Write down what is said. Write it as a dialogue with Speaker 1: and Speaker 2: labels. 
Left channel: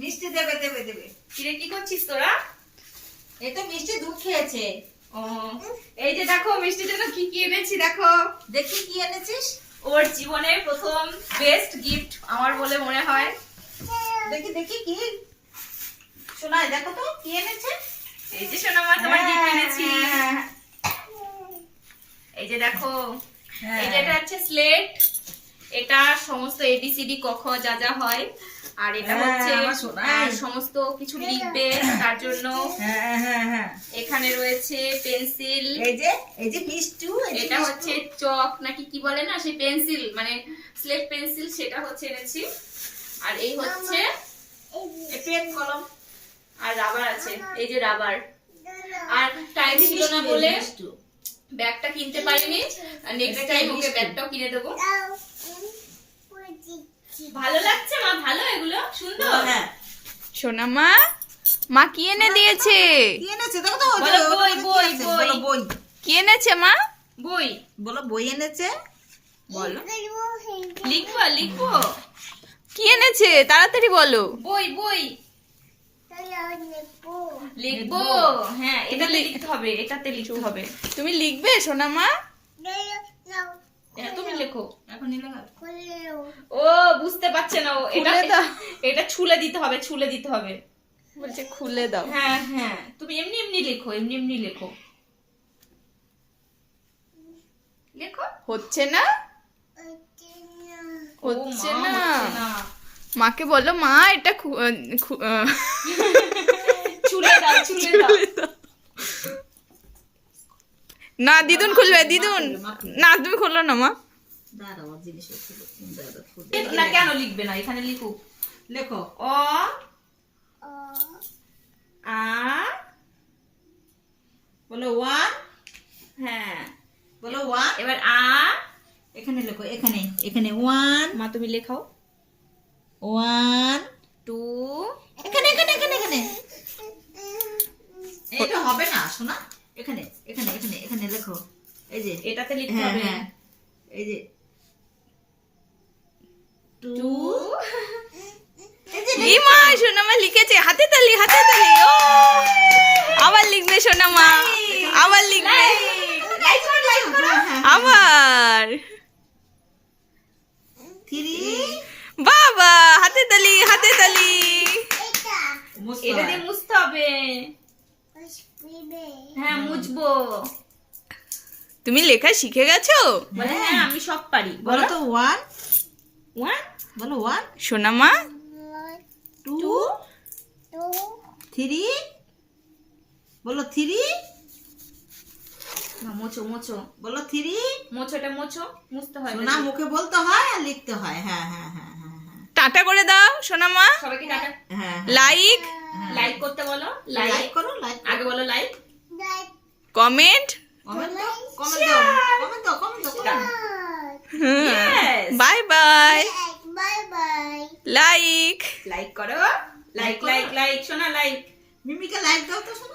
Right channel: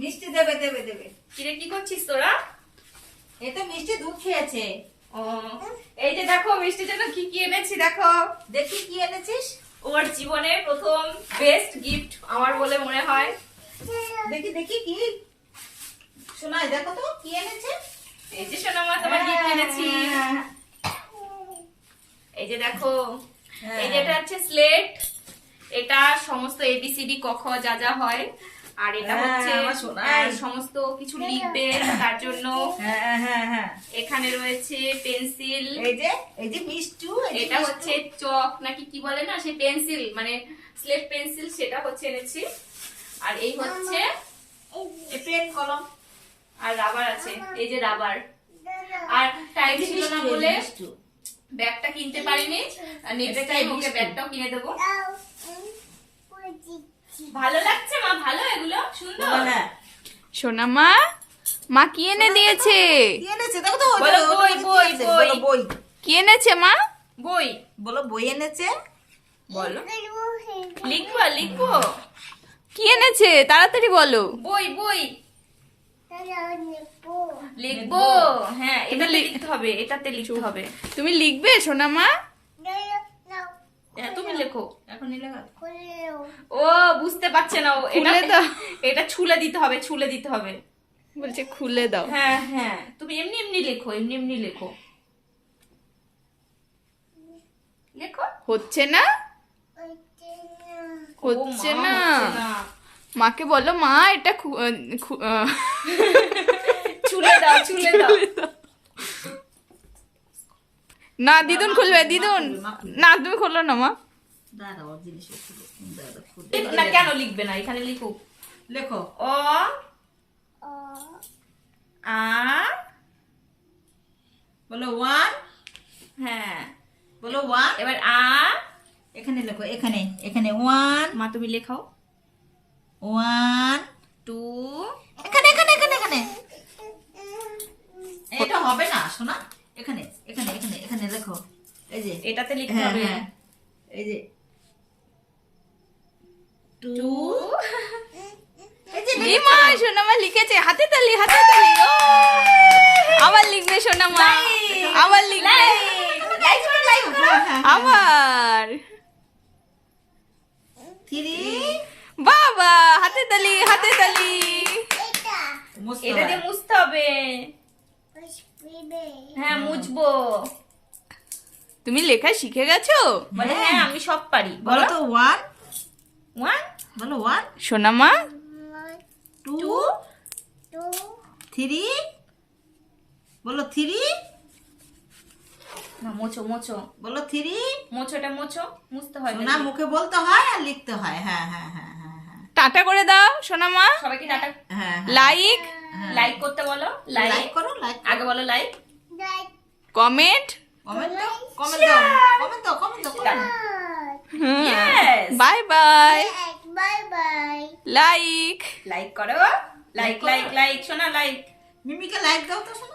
Speaker 1: মিষ্টি দেবে দেবে দেবে।
Speaker 2: কিরে কি করছিস তোরা?
Speaker 1: এই তো মিষ্টি দুধ খেয়েছে।
Speaker 2: ও এই যে দেখো মিষ্টির জন্য কি কি এনেছি দেখো।
Speaker 1: দেখি কি এনেছিস?
Speaker 2: ওর জীবনের প্রথম বেস্ট গিফট আমার বলে মনে হয়।
Speaker 1: দেখি দেখি কি। শোনাই দেখো তো কি এনেছে?
Speaker 2: এই যে সোনামা তোমার গিফট এনেছি।
Speaker 1: হ্যাঁ,
Speaker 2: এই যে দেখো
Speaker 1: হ্যাঁ।
Speaker 2: এই যে এটা হচ্ছে স্লেট এটা সমস্ত এবিসিডি ক খ যা যা হয়। আর এটা
Speaker 1: হ্যাঁ,
Speaker 2: হচ্ছে সমস্ত কিছু লিখবে তার জন্য।
Speaker 1: হ্যাঁ হ্যাঁ হ্যাঁ।
Speaker 2: এখানে রয়েছে পেন্সিল।
Speaker 1: এই যে এই যে মিষ্টু
Speaker 2: এটা হচ্ছে চক নাকি কি বলে না সেই পেন্সিল মানে স্লেট পেন্সিল সেটা হচ্ছে এনেছি। আর এই হচ্ছে
Speaker 1: পেন কলম
Speaker 2: আর রাবার আছে এই যে রাবার। আর টাইম ছিল না বলে ব্যাগটা কিনতে পারিনি নেক্সট টাইম ওকে ব্যাগটাও কিনে দেবো। ভালো লাগছে মা? ভালো এগুলো? সুন্দর?
Speaker 1: হ্যাঁ
Speaker 3: সোনা মা মা কি এনে দিয়েছে?
Speaker 1: কি এনেছে? দেখো তো
Speaker 2: বই, বই, বই।
Speaker 1: বই।
Speaker 3: কি এনেছে মা?
Speaker 2: বই।
Speaker 1: বলো বই এনেছে?
Speaker 2: বলো। লিখব লিখব
Speaker 3: কি এনেছে? তাড়াতাড়ি বলো।
Speaker 2: বই বই। লিখব। হ্যাঁ এটাতে লিখতে হবে এটাতে লিখতে হবে।
Speaker 3: তুমি লিখবে সোনা মা?
Speaker 2: হ্যাঁ, তুমি লেখো। ও বুঝতে পারছে না ও। এটা এটা ছুলে দিতে হবে ছুলে দিতে হবে।
Speaker 3: বলছে খুলে দাও।
Speaker 2: হ্যাঁ হ্যাঁ। তুমি এমনি এমনি লেখো এমনি এমনি লেখো। লেখো?
Speaker 3: হচ্ছে না? হচ্ছে না। মাকে বলো মা এটা খু- আহ,
Speaker 2: ছুলে দাও ছুলে দাও।
Speaker 3: না দিদুন খুলবে দিদুন। না তুমি খুললো না মা।
Speaker 2: না কেন লিখবে না? এখানে লিখুক।
Speaker 1: লেখো।
Speaker 2: অ আ
Speaker 1: বলো ওয়ান।
Speaker 2: হ্যাঁ
Speaker 1: বলো ওয়ান।
Speaker 2: এবার আ।
Speaker 1: এখানে লেখো এখানে এখানে ওয়ান।
Speaker 2: মা তুমি লেখাও।
Speaker 1: One
Speaker 2: two.
Speaker 1: এখানে এখানে এখানে এখানে। এটা হবে না শোনা এখানে এখানে এখানে এখানে লেখো এই যে
Speaker 2: এটাতে লিখতে
Speaker 1: হ্যাঁ
Speaker 2: হবে।
Speaker 1: হ্যাঁ। এই যে। টু।
Speaker 2: টু।
Speaker 1: এই যে
Speaker 3: এই মা সোনা মা লিখেছে। হাতে তালি হাতে তালি। ও! আবার লিখবে সোনা মা আবার লিখবে।
Speaker 1: হ্যাঁ
Speaker 3: আবার। বাবা হাতে তালি হাতে তালি।
Speaker 2: এটা। দিয়ে মুছতে হবে। হ্যাঁ মুছবো।
Speaker 3: তুমি লেখা শিখে গেছো?
Speaker 2: বলে হ্যাঁ। আমি সব পারি।
Speaker 1: বলো তো ওয়ান
Speaker 2: ওয়ান
Speaker 1: বলো ওয়ান
Speaker 3: সোনা মা।
Speaker 1: টু থ্রি বলো থ্রি
Speaker 2: না মোছো মোছো।
Speaker 1: বলো থ্রি
Speaker 2: মোছোটা মোছো মুছতে হয়
Speaker 1: শোনা মুখে বলতে হয় আর লিখতে হয়। হ্যাঁ হ্যাঁ হ্যাঁ হ্যাঁ হ্যাঁ
Speaker 3: টাটা করে দাও সোনা মা।
Speaker 2: সবাইকে টাটা?
Speaker 1: হ্যাঁ
Speaker 3: লাইক
Speaker 2: লাইক করতে বলো।
Speaker 1: লাইক
Speaker 2: লাইক
Speaker 1: করো লাইক
Speaker 2: আগে বলো লাইক
Speaker 3: কমেন্ট
Speaker 1: কমেন্ট কমেন্ট দাও কমেন্ট দাও কমেন্ট দাও
Speaker 2: Yes!
Speaker 3: Bye bye like
Speaker 2: like করো। লাইক লাইক লাইক শোনা লাইক
Speaker 1: মিমিকে লাইক দাও তো শোনা।